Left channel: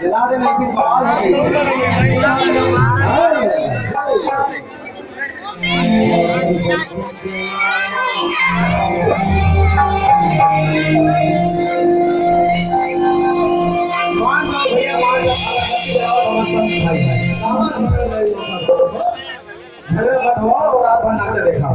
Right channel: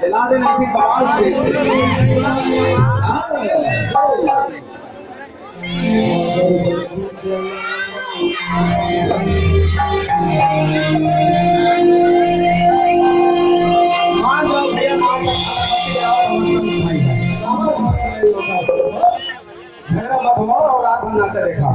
जला देना फिर झगड़ा मत हो और रात भर नाचा देखा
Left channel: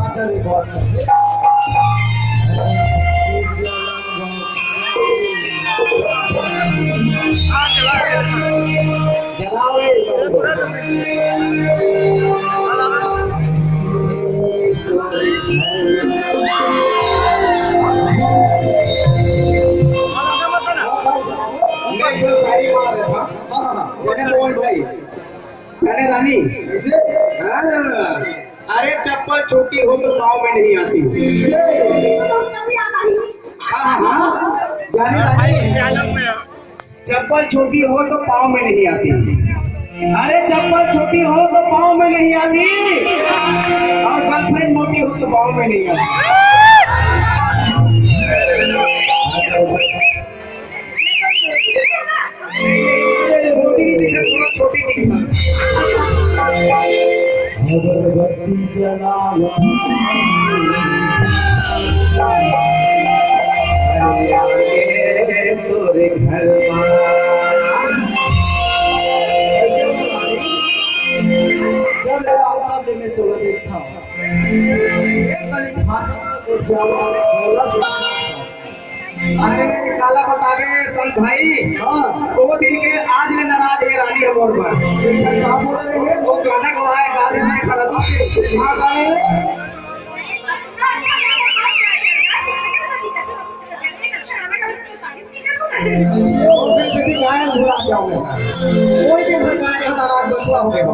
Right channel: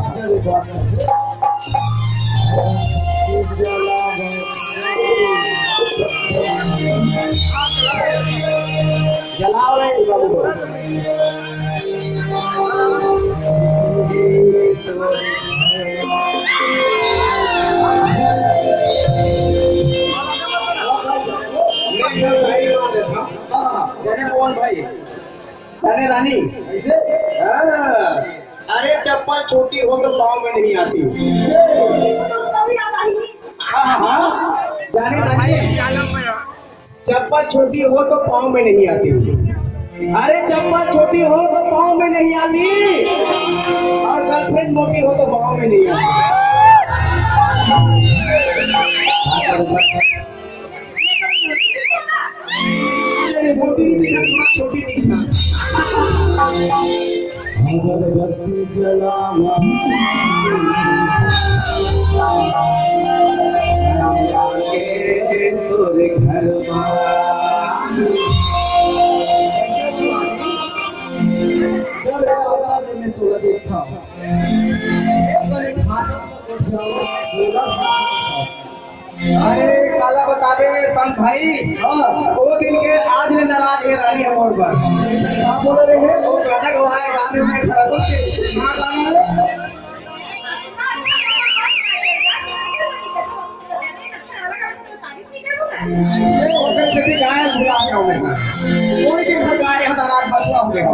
रानी अरे चप्पल छोटी हो तो पाँव में नहीं आती। चप्पल छोटी हो तो पाँव में नहीं आती। अरे चप्पल छोटी हो तो पाँव में नहीं आती और गर्लफ्रेंड मोटी हो तो पाँव में नहीं आती। मोटी नहीं दिखा, थोड़ा छोटी दिखना। अगरबत्ती जलावा तोरे घर में तोड़ा देखा अरे काला बतावे संत भाई वो दिन के आज ले नाराज है रानी हम और पर बोला देंगे वो गाना गवाए गाने में खड़ा तो हाँ गाने कोई भी सरकार यहाँ नाराज बसवा हो गया।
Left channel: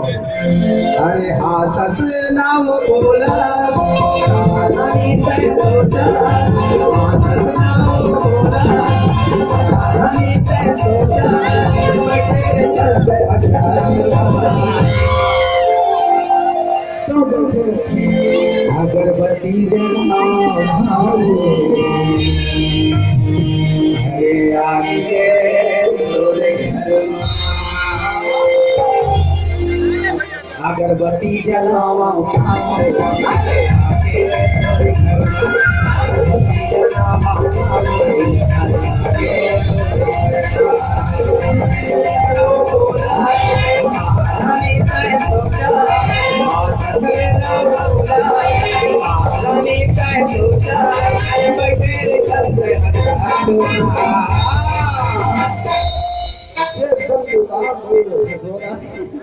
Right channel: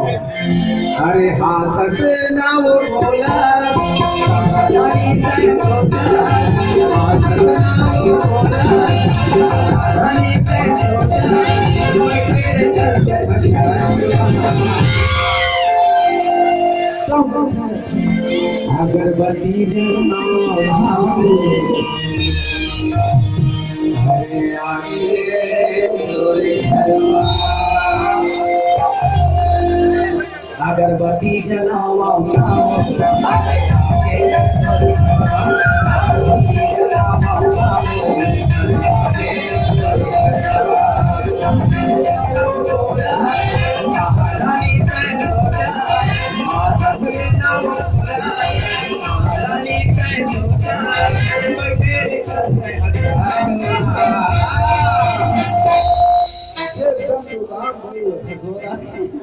अरे हाँ सच नाम बोला अगरबत्ती हरे आगे अगरबत्ती जलावा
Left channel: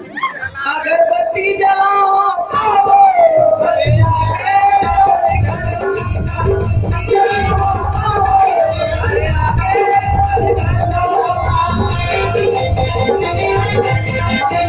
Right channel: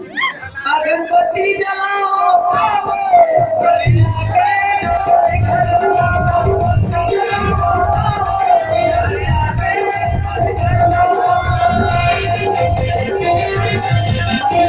एकदम